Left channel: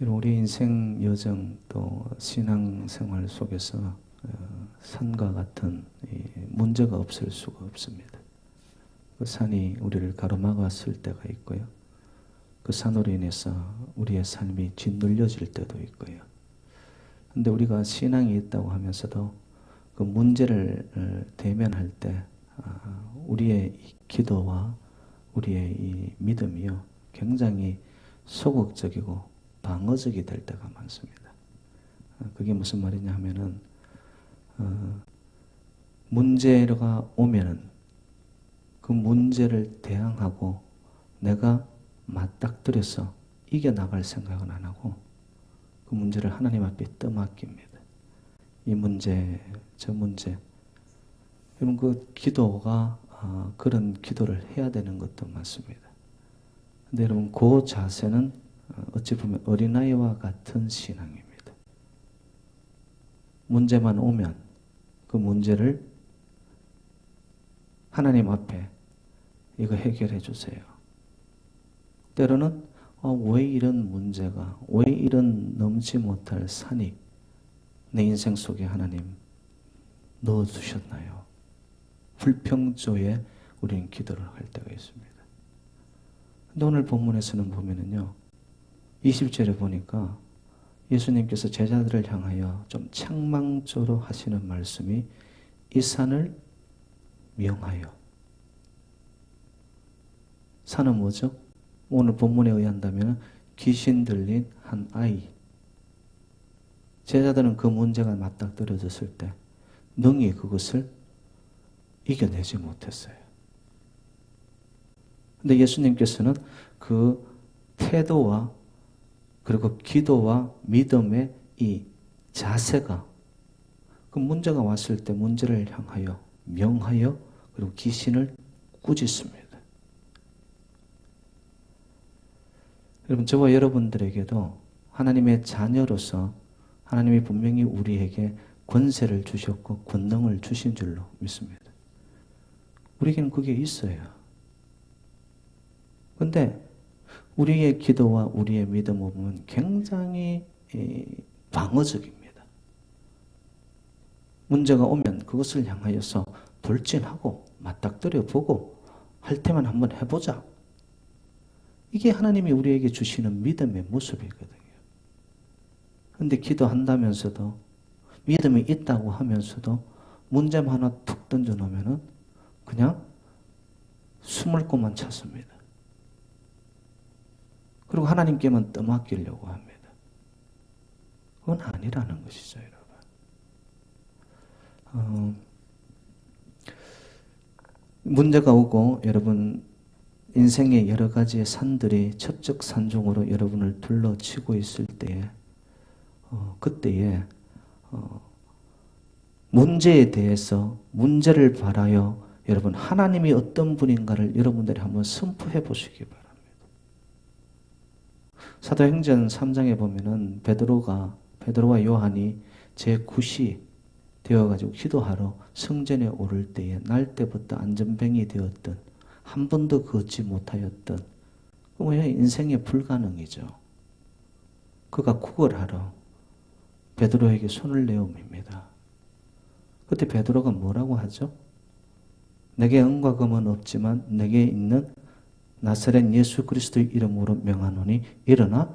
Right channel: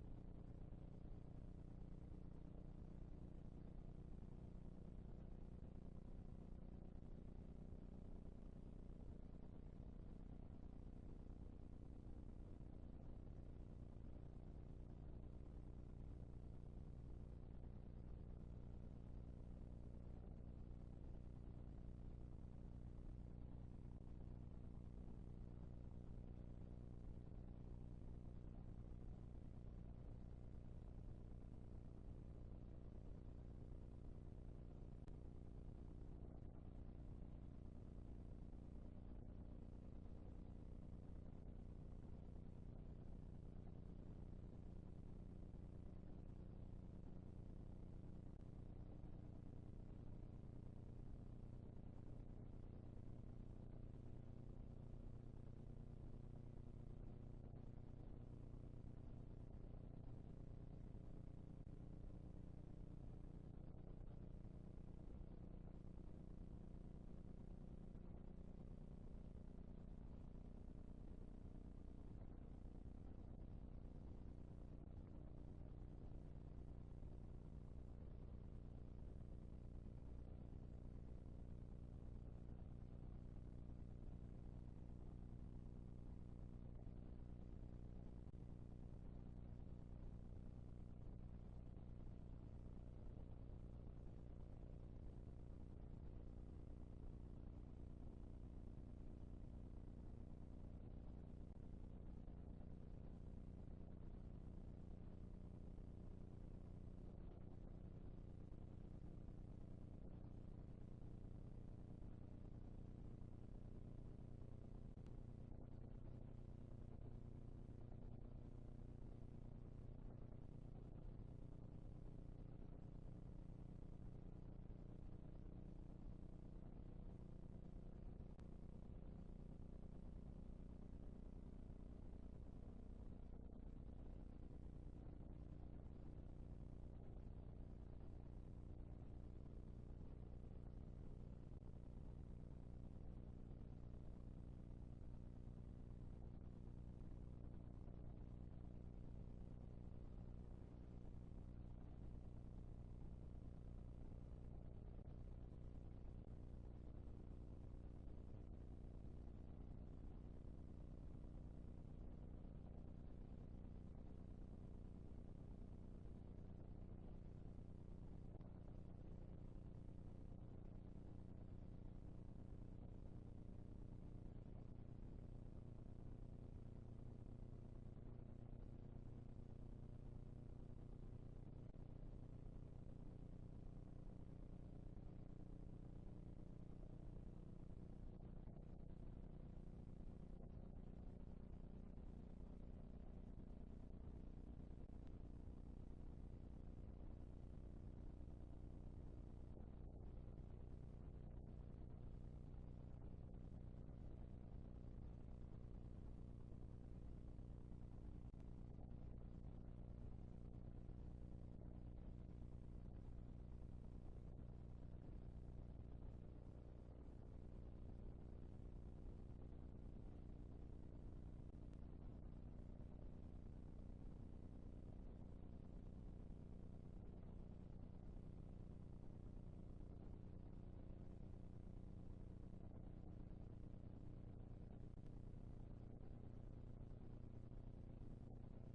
우리 인생 여정 또 신앙생활 속에서 산과 같은 문제가 없을 수가 없습니다. 그 산이 우리를 가로막았을 때가 있고요. 그 산으로 인해서 우리의 삶이 짓눌려질 때도 있고요. 근데 우리가 신앙이 있다고 하면서도 그 문제를 대면할 때 우리의 기도와 우리의 이 믿음이요 굉장히 소극적이고 방어적이 될 때가 많습니다. 그게 무슨 말이냐 하면은 문제가 오면은 그 문제를 대항하고 내가 맞닥뜨려서 이겨나갈 생각은 안 하고 그 문제를 하나님 앞에 떠맡깁니다. 이 문제, 저 문제. 여러분 그 기도가 그런 기도를 해야 되는 것도 맞습니다. 근데 여러분 그 자세는 어찌 보면 어린아이와 같은 신앙입니다. 문제만 오면 그 문제를 하나님 앞에 이거 해결해 주세요. 때로는 왜 이런 문제가, 왜 이런 넘지 못할 산이 내 인생 속에 하나님 넣어주셨나요? 불평조에 우리는 기도를 할 때가 있습니다. 근데 오늘 본문에서는 보면은요, 20절에 보니까 예수님께서 제자들을 향하여 좀 책망조로 하시는 말씀이 이 산을 명하여. 산은 뭐죠? 오늘 본문에 의한다면 귀신 들린 한 아이. 제자들은 그 문제가 맞닥뜨려졌을 때 능히 그것을 이겨내지 못했어요. 근데 예수님께서는 그 태도와 그리고 기도와 믿음의 이 자세가 그 문제가 왔을 때 문제를 향하여 명하여 그리고 귀신을 꾸짖습니다. 여러분 저와 여러분들에게도 하나님의 자녀로서 하나님이 분명히 우리에게 권세를 주셨고 권능을 주신 줄로 믿습니다. 우리에게는 그게 있어요. 그런데 우리의 기도와 우리의 믿음은 굉장히 방어적입니다. 문제가 오면 그것을 향하여서 돌진하고 맞닥뜨려 보고 할 때만 한번 해보자. 이게 하나님이 우리에게 주시는 믿음의 모습이거든요. 그런데 기도한다면서도 믿음이 있다고 하면서도 문제만 하나 툭 던져놓으면 그냥 숨을 곳만 찾습니다. 그리고 하나님께만 떠맡기려고 합니다. 그건 아니라는 것이죠, 여러분. 문제가 오고 여러분 인생의 여러 가지의 산들이 첩적산중으로 여러분을 둘러치고 있을 때에 그때에 문제에 대해서 문제를 바라여 여러분 하나님이 어떤 분인가를 여러분들이 한번 선포해 보시기 바랍니다. 사도행전 3장에 보면은 베드로와 요한이 제9시 되어가지고 기도하러 성전에 오를 때에 날 때부터 안전병이 되었던 한 번도 걷지 못하였던 그냥 인생의 불가능이죠. 그가 구걸하러 베드로에게 손을 내어밉니다. 그때 베드로가 뭐라고 하죠? 내게 은과 금은 없지만 내게 있는 나사렛 예수 그리스도의 이름으로 명하노니 일어나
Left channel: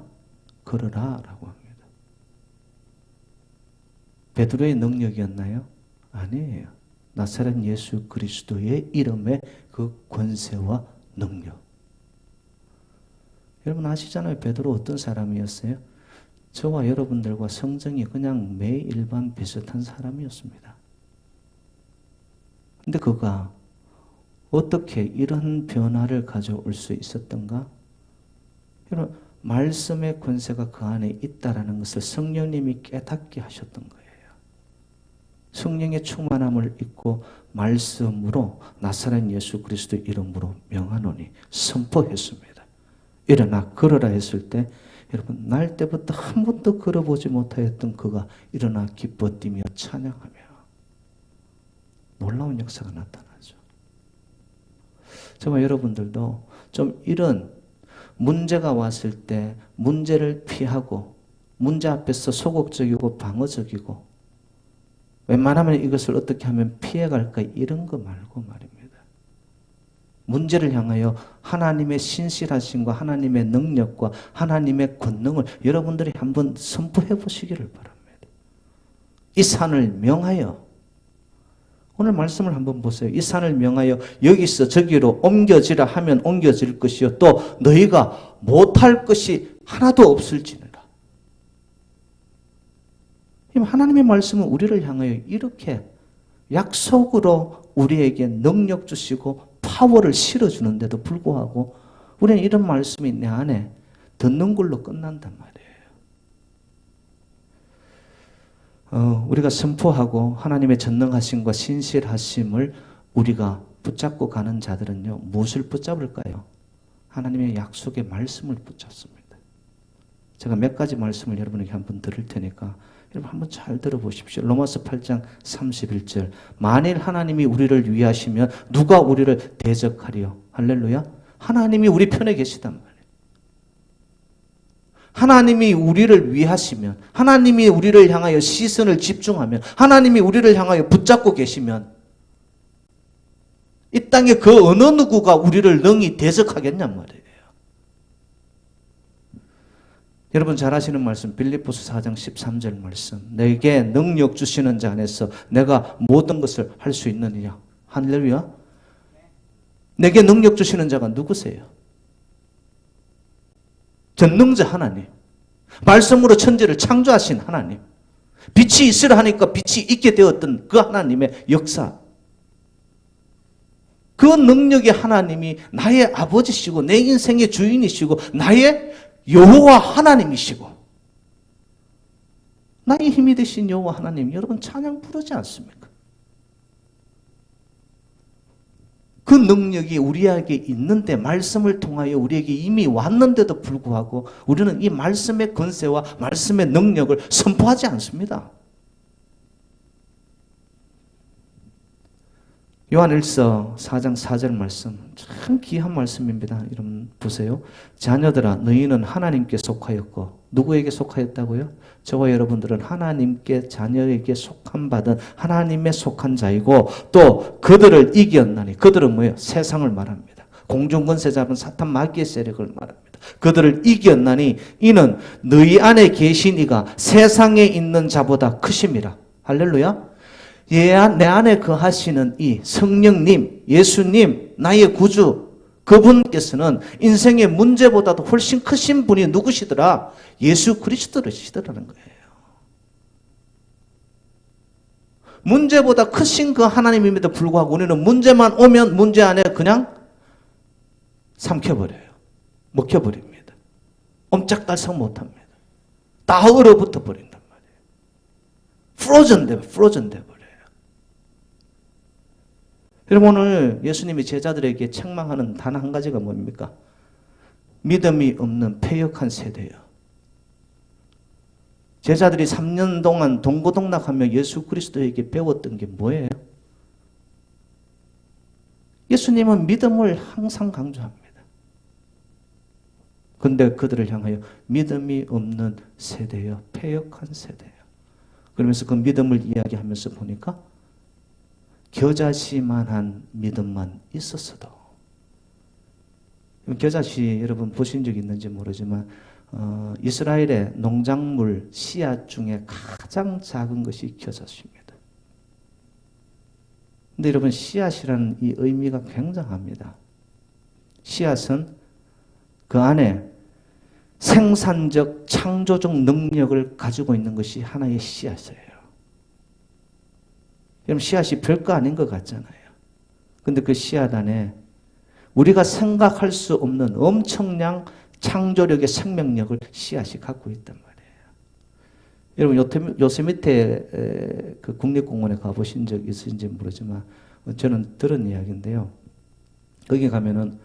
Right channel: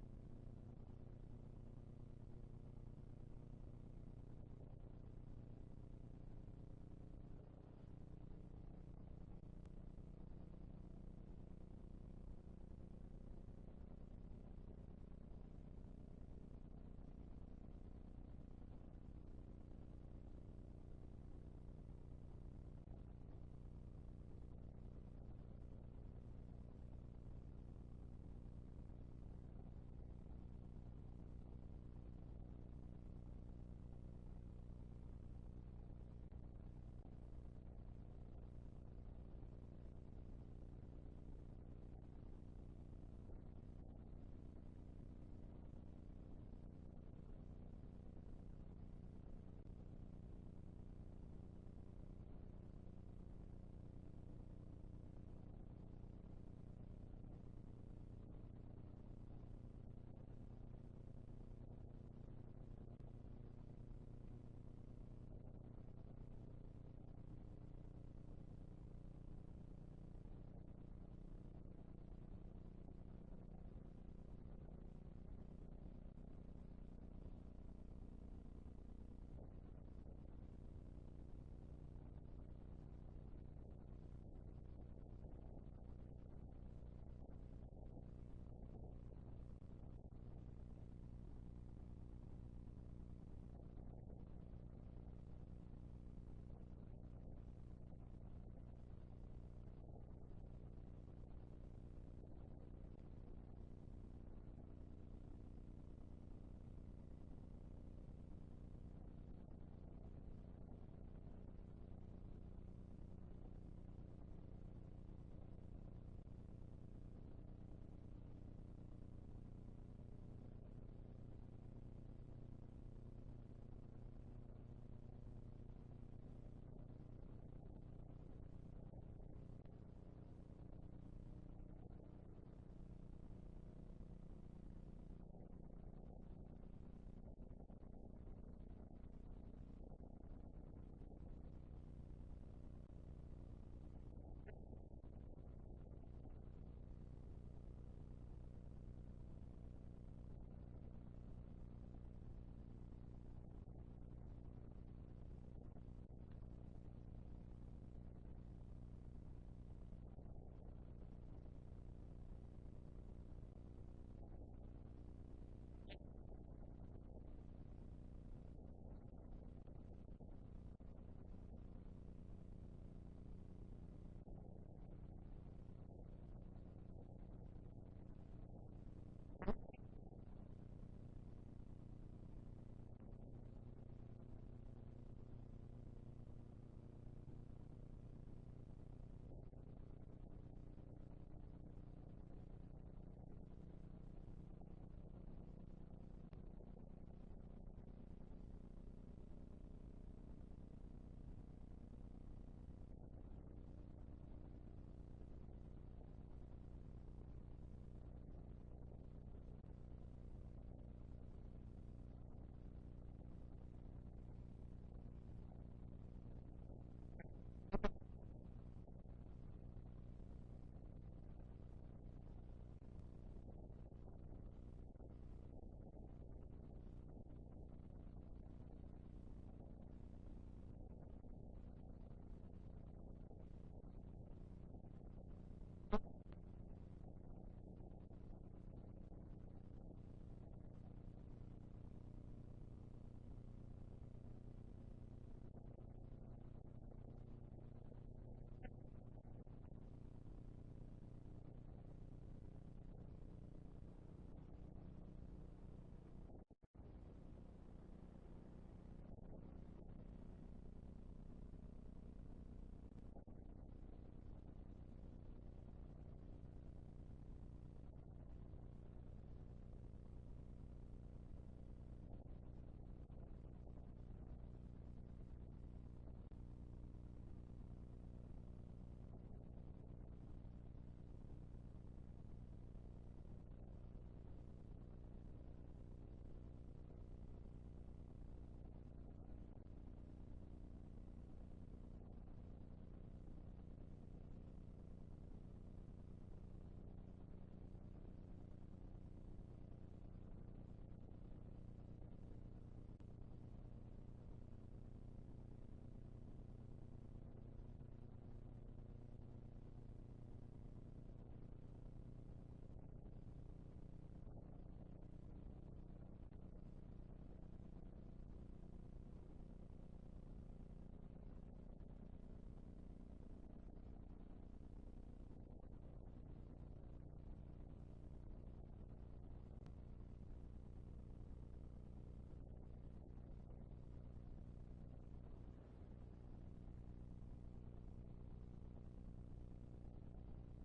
걸으라 라고 합니다. 베드로의 능력이었나요? 아니에요. 나사렛 예수 그리스도의 이름의 그 권세와 능력. 여러분 아시잖아요. 베드로 어떤 사람이었어요? 저와 여러분들과 성정이 그냥 매일반 비슷한 사람이었습니다. 근데 그가 어떻게 이런 변화를 가져올 수 있었던가? 여러분 말씀의 권세가 그 안에 있다라는 것을 성령님이 깨닫게 하셨던 거예요. 성령의 충만함을 입고 말씀으로 나사렛 예수 그리스도의 이름으로 명하노니 선포했습니다. 일어나 걸어라 했을 때 여러분 날 때부터 한 번도 걸어보지 못하였던 그가 일어나 기뻐 뛰며 찬양하며 놀라운 역사가 나타나죠. 정말 여러분들도 좀 이런 문제가 왔을 때 문제를 피하고 문제 앞에서 소극적이고 방어적이고 웬만하면 이것을 어떻게 하면 피해갈까 이런 거 말고 말입니다. 문제를 향하여 하나님의 신실하심과 하나님의 능력과 하나님의 권능을 여러분들이 한번 선포해 보시기를 바랍니다. 이 산을 명하여 오늘 말씀을 한번 보세요. 이 산을 명하여 여기서 저기로 옮겨지라 하면 옮겨질 것이요 또 너희가 못할 것이 하나도 없을지니라. 하나님의 말씀은 우리를 향하여 이렇게 약속으로 우리에게 능력 주시고 파워를 실어주는데도 불구하고 우리는 이런 말씀이 내 안에 듣는 걸로 끝난단 말이에요. 우리가 선포하고 하나님의 전능하심과 신실하심을 우리가 붙잡고 가는 자들은요, 무엇을 붙잡을까요? 하나님의 약속의 말씀을 붙잡습니다. 제가 몇 가지 말씀을 여러분에게 한번 들을 테니까 여러분 한번 잘 들어보십시오. 로마서 8장 31절. 만일 하나님이 우리를 위하시면 누가 우리를 대적하리요? 할렐루야. 하나님이 우리 편에 계시단 말이에요. 하나님이 우리를 위하시면, 하나님이 우리를 향하여 시선을 집중하면, 하나님이 우리를 향하여 붙잡고 계시면 이 땅에 그 어느 누구가 우리를 능히 대적하겠냔 말이에요. 여러분 잘 아시는 말씀 빌립보서 4장 13절 말씀. 내게 능력 주시는 자 안에서 내가 모든 것을 할 수 있느니라. 할렐루야. 내게 능력 주시는 자가 누구세요? 전능자 하나님. 말씀으로 천지를 창조하신 하나님. 빛이 있으라 하니까 빛이 있게 되었던 그 하나님의 역사. 그 능력의 하나님이 나의 아버지시고 내 인생의 주인이시고 나의 여호와 하나님이시고 나의 힘이 되신 여호와 하나님, 여러분 찬양 부르지 않습니까? 그 능력이 우리에게 있는데 말씀을 통하여 우리에게 이미 왔는데도 불구하고 우리는 이 말씀의 권세와 말씀의 능력을 선포하지 않습니다. 요한일서 4장 4절 말씀 참 귀한 말씀입니다. 여러분 보세요. 자녀들아 너희는 하나님께 속하였고 누구에게 속하였다고요? 저와 여러분들은 하나님께 자녀에게 속한 받은 하나님의 속한 자이고 또 그들을 이겼나니 그들은 뭐예요? 세상을 말합니다. 공중권세 잡은 사탄 마귀의 세력을 말합니다. 그들을 이겼나니 이는 너희 안에 계신 이가 세상에 있는 자보다 크심이라. 할렐루야. 내 안에 거하시는 이 성령님, 예수님, 나의 구주, 그분께서는 인생의 문제보다도 훨씬 크신 분이 누구시더라? 예수 그리스도시더라는 거예요. 문제보다 크신 그 하나님임에도 불구하고 우리는 문제만 오면 문제 안에 그냥 삼켜버려요. 먹혀버립니다. 옴짝달싹 못합니다. 다 얼어붙어 버린단 말이에요. 프로전 돼버려요. 여러분 오늘 예수님이 제자들에게 책망하는 단 한 가지가 뭡니까? 믿음이 없는 패역한 세대예요. 제자들이 3년 동안 동고동락하며 예수 그리스도에게 배웠던 게 뭐예요? 예수님은 믿음을 항상 강조합니다. 그런데 그들을 향하여 믿음이 없는 세대요. 패역한 세대예요. 그러면서 그 믿음을 이야기하면서 보니까 겨자씨만한 믿음만 있었어도. 겨자씨 여러분 보신 적 있는지 모르지만 이스라엘의 농작물 씨앗 중에 가장 작은 것이 겨자씨입니다. 근데 여러분 씨앗이라는 이 의미가 굉장합니다. 씨앗은 그 안에 생산적 창조적 능력을 가지고 있는 것이 하나의 씨앗이에요. 여러분 씨앗이 별거 아닌 것 같잖아요. 근데 그 씨앗 안에 우리가 생각할 수 없는 엄청난 창조력의 생명력을 씨앗이 갖고 있단 말이에요. 여러분 요세미테 그 국립공원에 가보신 적 있으신지 모르지만 저는 들은 이야기인데요. 거기 가면은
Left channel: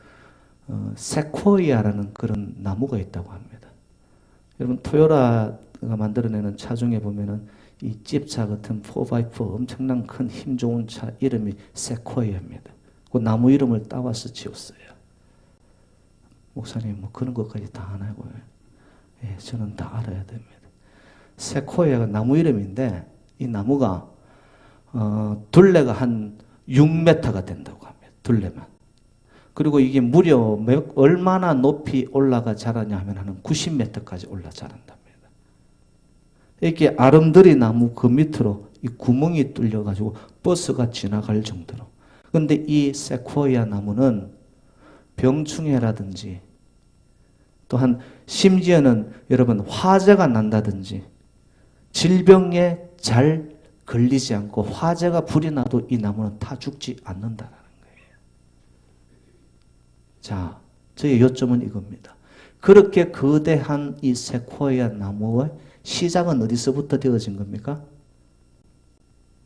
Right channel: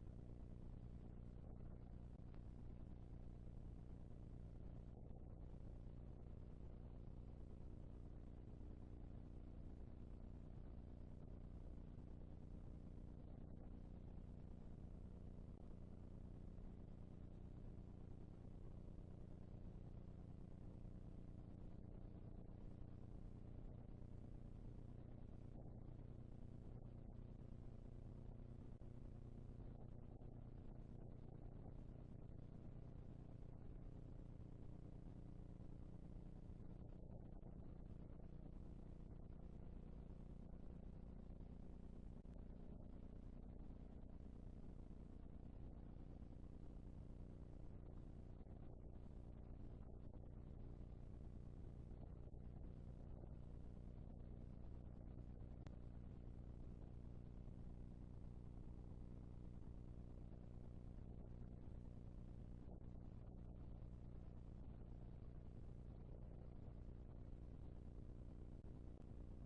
세코이아라는 그런 나무가 있다고 합니다. 여러분 토요타가 만들어내는 차 중에 보면은 이 집차 같은 4x4 엄청난 큰 힘 좋은 차 이름이 세코이아입니다. 그 나무 이름을 따와서 지었어요. 목사님 뭐 그런 것까지 다 아나고요. 예, 저는 다 알아야 됩니다. 세코이아가 나무 이름인데 이 나무가 둘레가 한 6m가 된다고 합니다. 둘레만. 그리고 이게 무려 얼마나 높이 올라가 자라냐 하면 한 90m까지 올라 자란답니다. 이렇게 아름드리 나무 그 밑으로 이 구멍이 뚫려가지고 버스가 지나갈 정도로. 그런데 이 세코이아 나무는 병충해라든지 또한 심지어는 여러분 화재가 난다든지 질병에 잘 걸리지 않고 화재가 불이 나도 이 나무는 타 죽지 않는다라는 거예요. 자, 저의 요점은 이겁니다. 그렇게 거대한 이 세코이아 나무의 시작은 어디서부터 되어진 겁니까?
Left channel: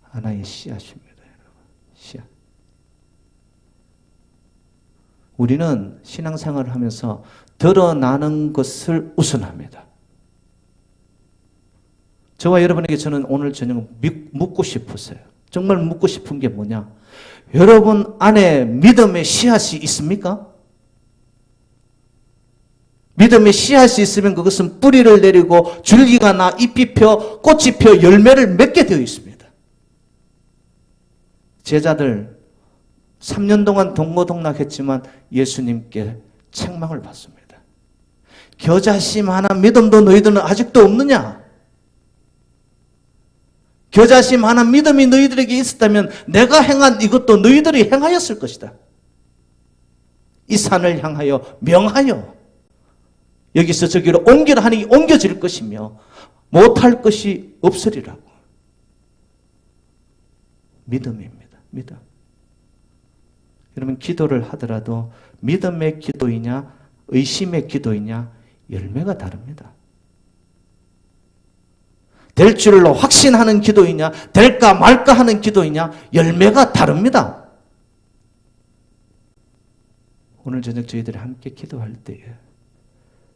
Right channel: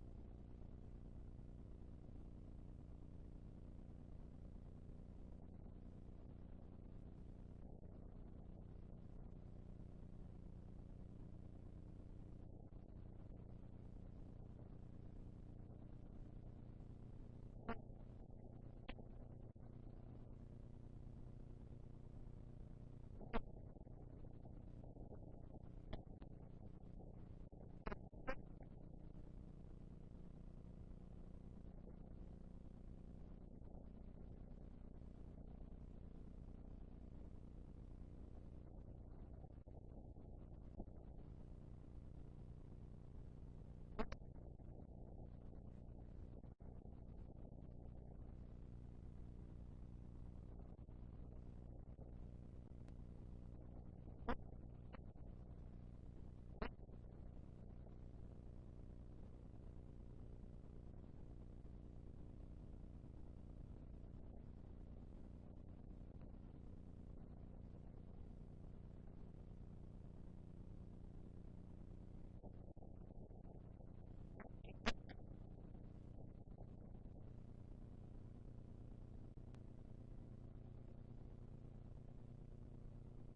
하나의 씨앗입니다. 씨앗. 우리는 신앙생활을 하면서 드러나는 것을 우선합니다. 저와 여러분에게 저는 오늘 저녁 묻고 싶었어요. 정말 묻고 싶은 게 뭐냐? 여러분 안에 믿음의 씨앗이 있습니까? 믿음의 씨앗이 있으면 그것은 뿌리를 내리고 줄기가 나 잎이 펴 꽃이 펴 열매를 맺게 되어 있습니다. 제자들 3년 동안 동고동락했지만 예수님께 책망을 받습니다. 겨자씨 하나 믿음도 너희들은 아직도 없느냐? 겨자씨 하나 믿음이 너희들에게 있었다면 내가 행한 이것도 너희들이 행하였을 것이다. 이 산을 향하여 명하여 여기서 저기로 옮기라 하니 옮겨질 것이며 못할 것이 없으리라고. 믿음입니다. 믿음. 여러분 기도를 하더라도 믿음의 기도이냐 의심의 기도이냐 열매가 다릅니다. 될 줄로 확신하는 기도이냐 될까 말까 하는 기도이냐 열매가 다릅니다. 오늘 저녁 저희들이 함께 기도할 때에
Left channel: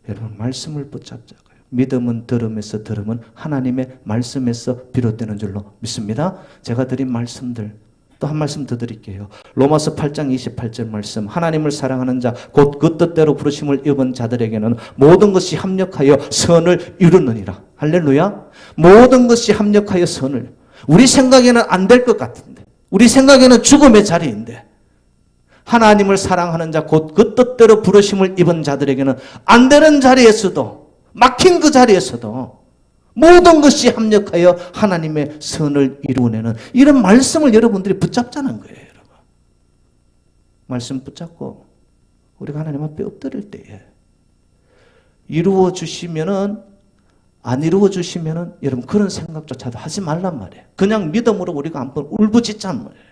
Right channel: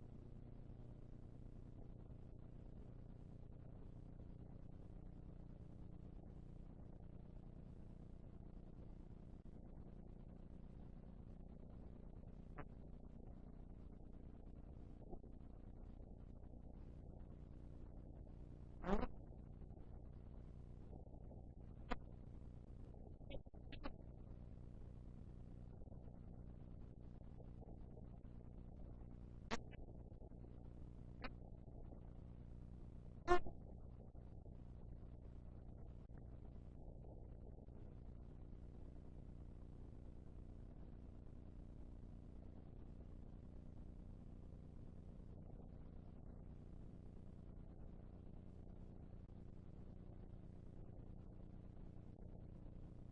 여러분 말씀을 붙잡자고요. 믿음은 들음에서 들음은 하나님의 말씀에서 비롯되는 줄로 믿습니다. 제가 드린 말씀들 또 한 말씀 더 드릴게요. 로마서 8장 28절 말씀. 하나님을 사랑하는 자 곧 그 뜻대로 부르심을 입은 자들에게는 모든 것이 합력하여 선을 이루느니라. 할렐루야. 모든 것이 합력하여 선을. 우리 생각에는 안 될 것 같은데 우리 생각에는 죽음의 자리인데 하나님을 사랑하는 자 곧 그 뜻대로 부르심을 입은 자들에게는 안 되는 자리에서도 막힌 그 자리에서도 모든 것이 합력하여 하나님의 선을 이루어내는 이런 말씀을 여러분들이 붙잡자는 거예요. 여러분. 말씀 붙잡고 우리가 하나님 앞에 엎드릴 때에 이루어 주시면은 안 이루어 주시면은 여러분 그런 생각조차도 하지 말란 말이에요. 그냥 믿음으로 우리가 한번 울부짖자는 말이에요.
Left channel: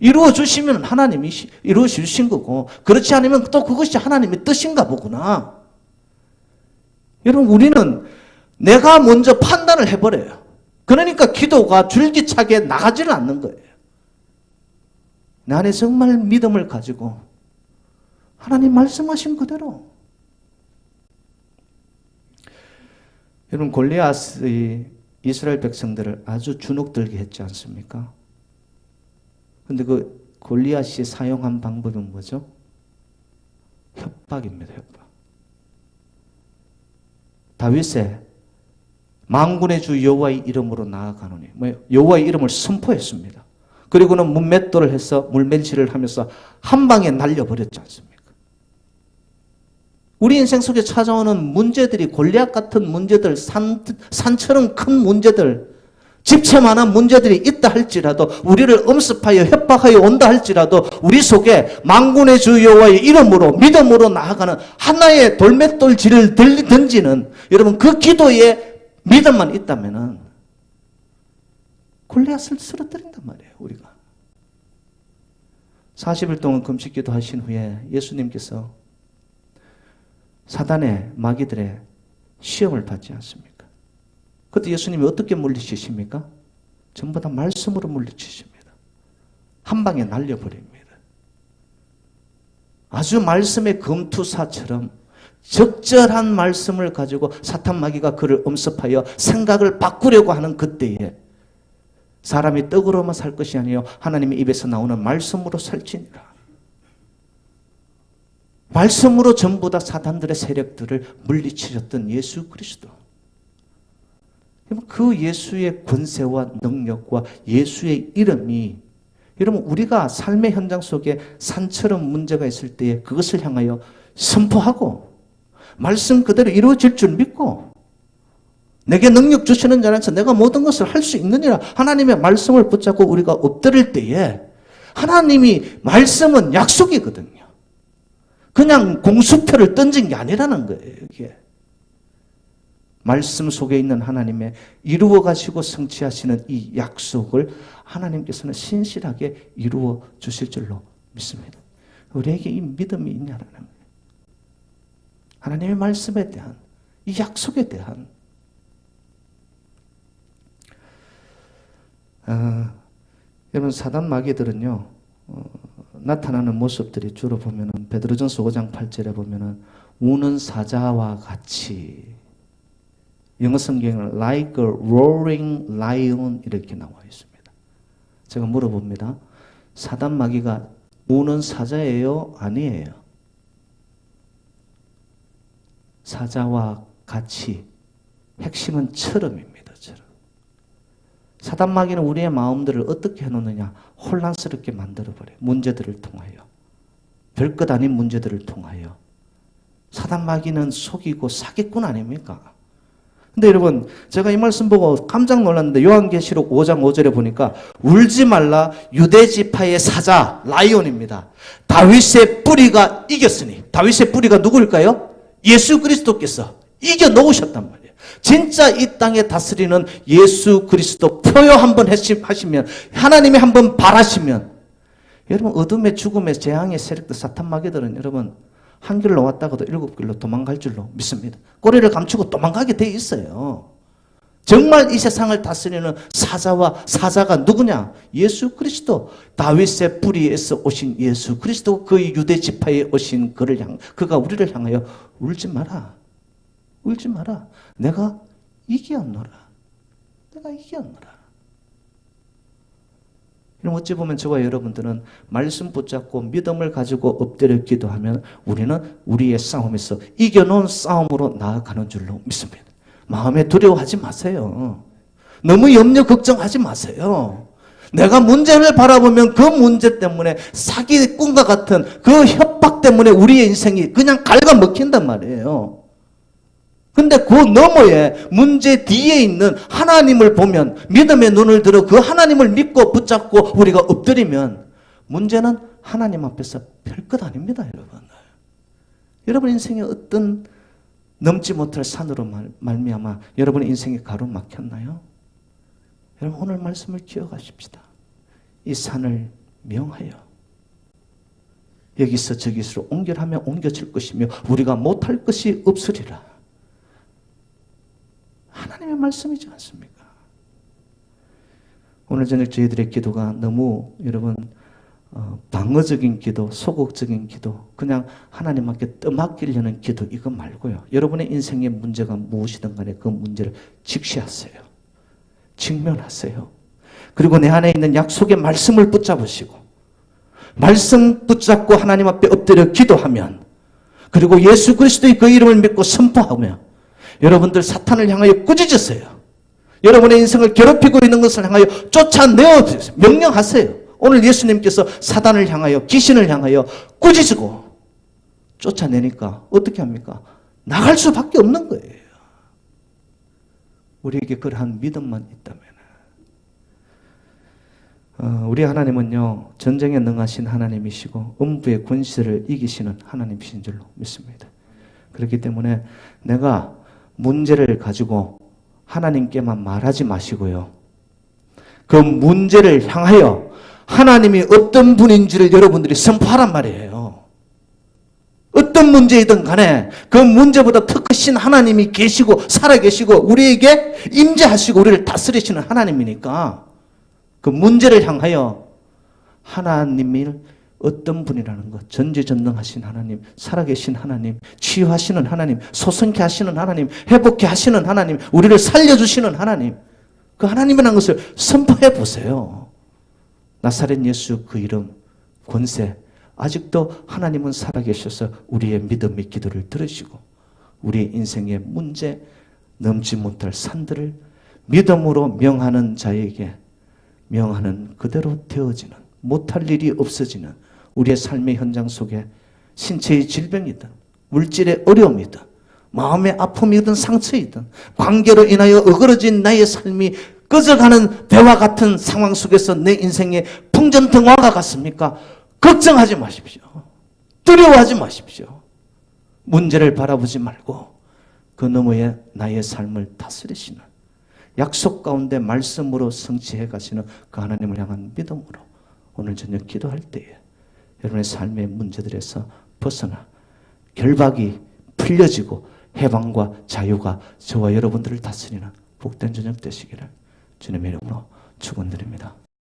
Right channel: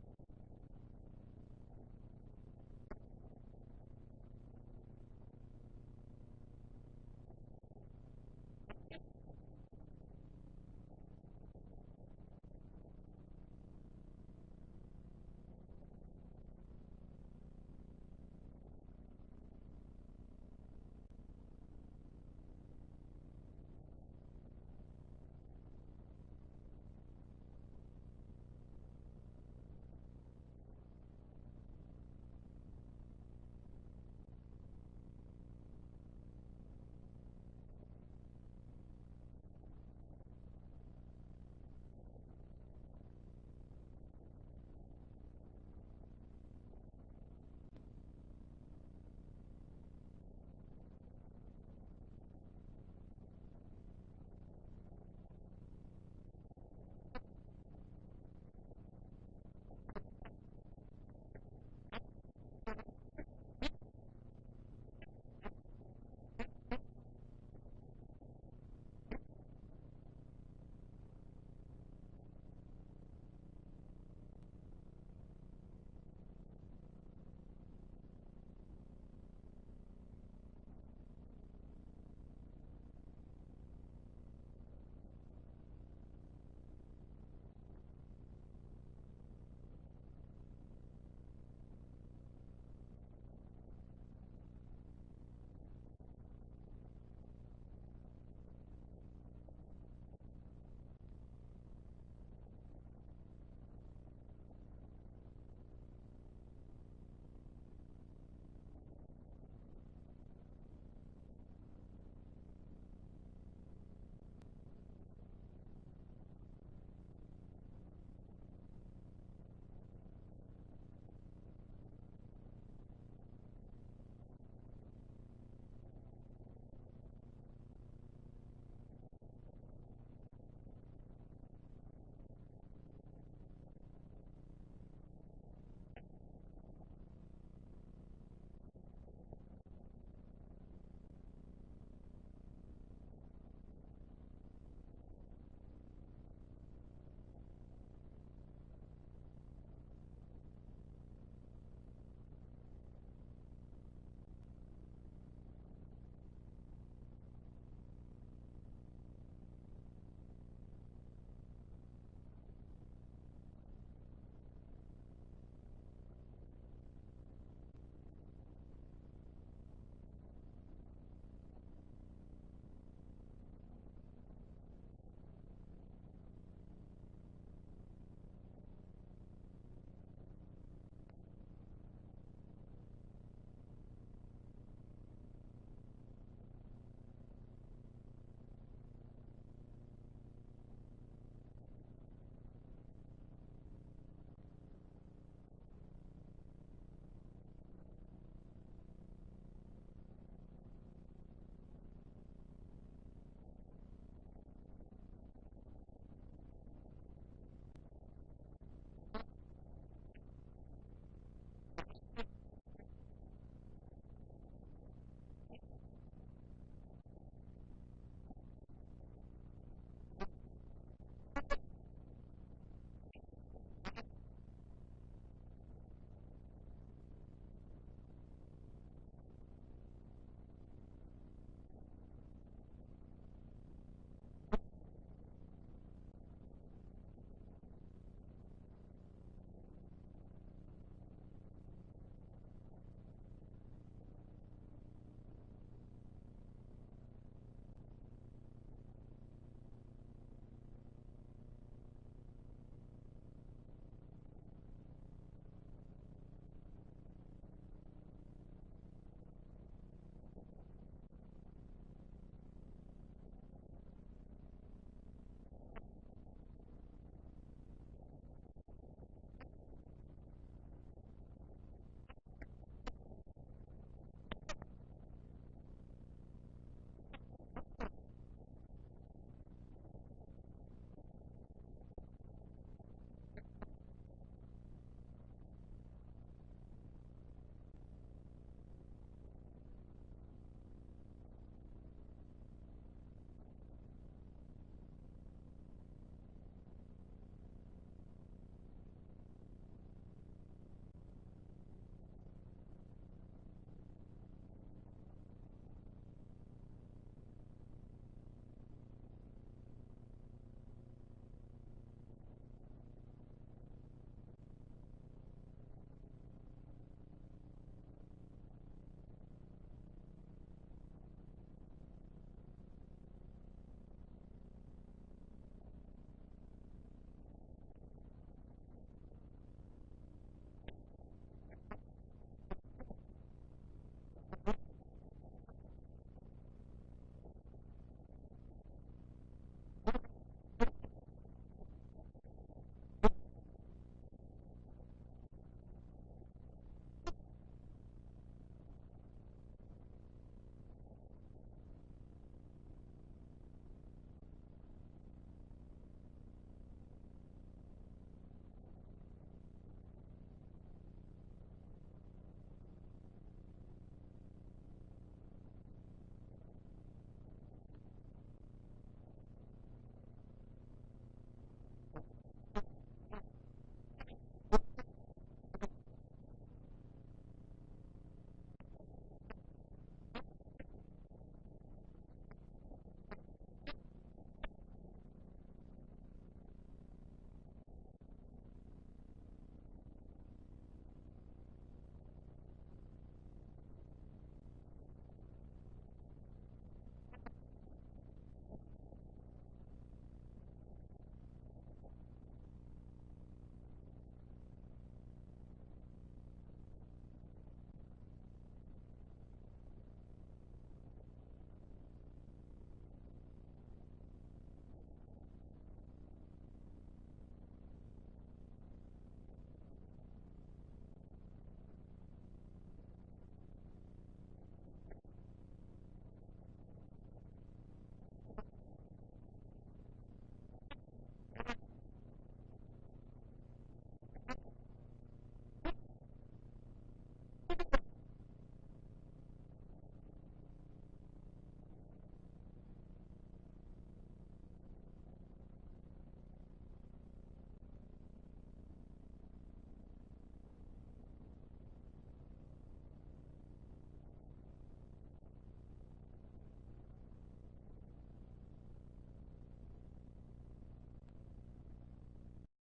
이루어 주시면 하나님이 이루어 주신 거고 그렇지 않으면 또 그것이 하나님의 뜻인가 보구나. 여러분 우리는 내가 먼저 판단을 해버려요. 그러니까 기도가 줄기차게 나가지를 않는 거예요. 내 안에 정말 믿음을 가지고 하나님 말씀하신 그대로. 여러분 골리앗이 이스라엘 백성들을 아주 주눅들게 했지 않습니까? 근데 그 골리앗이 사용한 방법은 뭐죠? 협박입니다. 협박. 다윗의 만군의 주 여호와의 이름으로 나아가노니 여호와의 이름을 선포했습니다. 그리고는 문맷돌을 해서 물매질을 하면서 한 방에 날려버렸지 않습니까? 우리 인생 속에 찾아오는 문제들이 골리앗 같은 문제들, 산처럼 큰 문제들, 집채만한 문제들이 있다 할지라도 우리를 엄습하여 협박하여 온다 할지라도 우리 속에 만군의 주 여호와의 이름으로 믿음으로 나아가는 하나의 돌맷돌질을 던지는 여러분 그 기도에 믿음만 있다면은 골리앗을 쓰러뜨린단 말이에요. 우리가 40일 동안 금식 기도하신 후에 예수님께서 사단의 마귀들의 시험을 받지 않습니까? 그때 예수님이 어떻게 물리치십니까? 전부 다 말씀으로 물리치십니다. 한 방에 날려버립니다. 아주 말씀의 검투사처럼 적절한 말씀을 가지고 사탄 마귀가 그를 엄습하여 생각을 바꾸려고 하는 그때에 사람이 떡으로만 살 것이 아니요 하나님의 입에서 나오는 말씀으로 살지니라. 말씀으로 전부 다 사단들의 세력들을 물리치셨던 예수 그리스도. 그 예수의 권세와 능력과 예수의 이름이, 여러분 우리가 삶의 현장 속에 산처럼 문제가 있을 때에 그것을 향하여 선포하고 말씀 그대로 이루어질 줄 믿고, 내게 능력 주시는 자 안에서 내가 모든 것을 할 수 있느니라 하나님의 말씀을 붙잡고 우리가 엎드릴 때에, 하나님이 말씀은 약속이거든요. 그냥 공수표를 던진 게 아니라는 거예요. 이게 말씀 속에 있는 하나님의 이루어 가시고 성취하시는 이 약속을 하나님께서는 신실하게 이루어 주실 줄로 믿습니다. 우리에게 이 믿음이 있냐라는 거예요. 하나님의 말씀에 대한, 이 약속에 대한. 여러분 사단 마귀들은요, 나타나는 모습들이 주로 보면은 베드로전서 5장 8절에 보면은 우는 사자와 같이, 영어 성경에는 like a roaring lion 이렇게 나와 있습니다. 제가 물어봅니다. 사단 마귀가 우는 사자예요? 아니에요? 사자와 같이. 핵심은 처럼입니다. 처럼. 사단 마귀는 우리의 마음들을 어떻게 해놓느냐? 혼란스럽게 만들어버려요. 문제들을 통하여. 별것 아닌 문제들을 통하여. 사단 마귀는 속이고 사기꾼 아닙니까? 근데 여러분, 제가 이 말씀 보고 깜짝 놀랐는데 요한계시록 5장 5절에 보니까 울지 말라 유대 지파의 사자 라이온입니다. 다윗의 뿌리가 이겼으니. 다윗의 뿌리가 누구일까요? 예수 그리스도께서 이겨 놓으셨단 말이에요. 진짜 이 땅에 다스리는 예수 그리스도 표요 한번 하시면, 하나님이 한번 바라시면, 여러분 어둠의 죽음의 재앙의 세력들 사탄 마귀들은 여러분 한 길로 왔다가도 7길로 도망갈 줄로 믿습니다. 꼬리를 감추고 도망가게 돼 있어요. 정말 이 세상을 다스리는 사자가 누구냐? 예수 그리스도. 다윗의 뿌리에서 오신 예수 그리스도, 그 유대 지파에 오신 그가 우리를 향하여 울지 마라. 울지 마라. 내가 이기었노라. 내가 이기었노라. 그럼 어찌 보면 저와 여러분들은 말씀 붙잡고 믿음을 가지고 엎드려 기도하면 우리는 우리의 싸움에서 이겨놓은 싸움으로 나아가는 줄로 믿습니다. 마음에 두려워하지 마세요. 너무 염려 걱정하지 마세요. 내가 문제를 바라보면 그 문제 때문에 사기꾼과 같은 그 협박 때문에 우리의 인생이 그냥 갉아먹힌단 말이에요. 근데 그 너머에 문제 뒤에 있는 하나님을 보면, 믿음의 눈을 들어 그 하나님을 믿고 붙잡고 우리가 엎드리면 문제는 하나님 앞에서 별것 아닙니다. 여러분. 여러분 인생에 어떤 넘지 못할 산으로 말미암아 여러분의 인생이 가로막혔나요? 여러분 오늘 말씀을 기억하십시다. 이 산을 명하여 여기서 저기서 옮겨하면 옮겨질 것이며 우리가 못할 것이 없으리라. 하나님의 말씀이지 않습니까? 오늘 저녁 저희들의 기도가 너무 여러분 방어적인 기도, 소극적인 기도, 그냥 하나님께 떠맡기려는 기도 이거 말고요. 여러분의 인생의 문제가 무엇이든 간에 그 문제를 직시하세요. 직면하세요. 그리고 내 안에 있는 약속의 말씀을 붙잡으시고 말씀 붙잡고 하나님 앞에 엎드려 기도하면, 그리고 예수 그리스도의 그 이름을 믿고 선포하며 여러분들 사탄을 향하여 꾸짖으세요. 여러분의 인생을 괴롭히고 있는 것을 향하여 쫓아내어 명령하세요. 오늘 예수님께서 사단을 향하여, 귀신을 향하여 꾸짖고 쫓아내니까 어떻게 합니까? 나갈 수밖에 없는 거예요. 우리에게 그러한 믿음만 있다면. 우리 하나님은요, 전쟁에 능하신 하나님이시고 음부의 권세를 이기시는 하나님이신 줄로 믿습니다. 그렇기 때문에 내가 문제를 가지고 하나님께만 말하지 마시고요, 그 문제를 향하여 하나님이 어떤 분인지를 여러분들이 선포하란 말이에요. 어떤 문제이든 간에 그 문제보다 더 크신 하나님이 계시고 살아계시고 우리에게 임재하시고 우리를 다스리시는 하나님이니까 그 문제를 향하여 하나님이 어떤 분이라는 것, 전지전능하신 하나님, 살아계신 하나님, 치유하시는 하나님, 소성케 하시는 하나님, 회복케 하시는 하나님, 우리를 살려주시는 하나님, 그 하나님이라는 것을 선포해 보세요. 나사렛 예수 그 이름, 권세, 아직도 하나님은 살아계셔서 우리의 믿음의 기도를 들으시고 우리의 인생의 문제, 넘지 못할 산들을 믿음으로 명하는 자에게 명하는 그대로 되어지는, 못할 일이 없어지는 우리의 삶의 현장 속에 신체의 질병이든 물질의 어려움이든 마음의 아픔이든 상처이든 관계로 인하여 어그러진 나의 삶이 꺼져가는 배와 같은 상황 속에서 내 인생의 풍전등화가 같습니까? 걱정하지 마십시오. 두려워하지 마십시오. 문제를 바라보지 말고 그 너머에 나의 삶을 다스리시는, 약속 가운데 말씀으로 성취해 가시는 그 하나님을 향한 믿음으로 오늘 저녁 기도할 때에 여러분의 삶의 문제들에서 벗어나 결박이 풀려지고 해방과 자유가 저와 여러분들을 다스리는 복된 저녁 되시기를 주님의 이름으로 축원드립니다.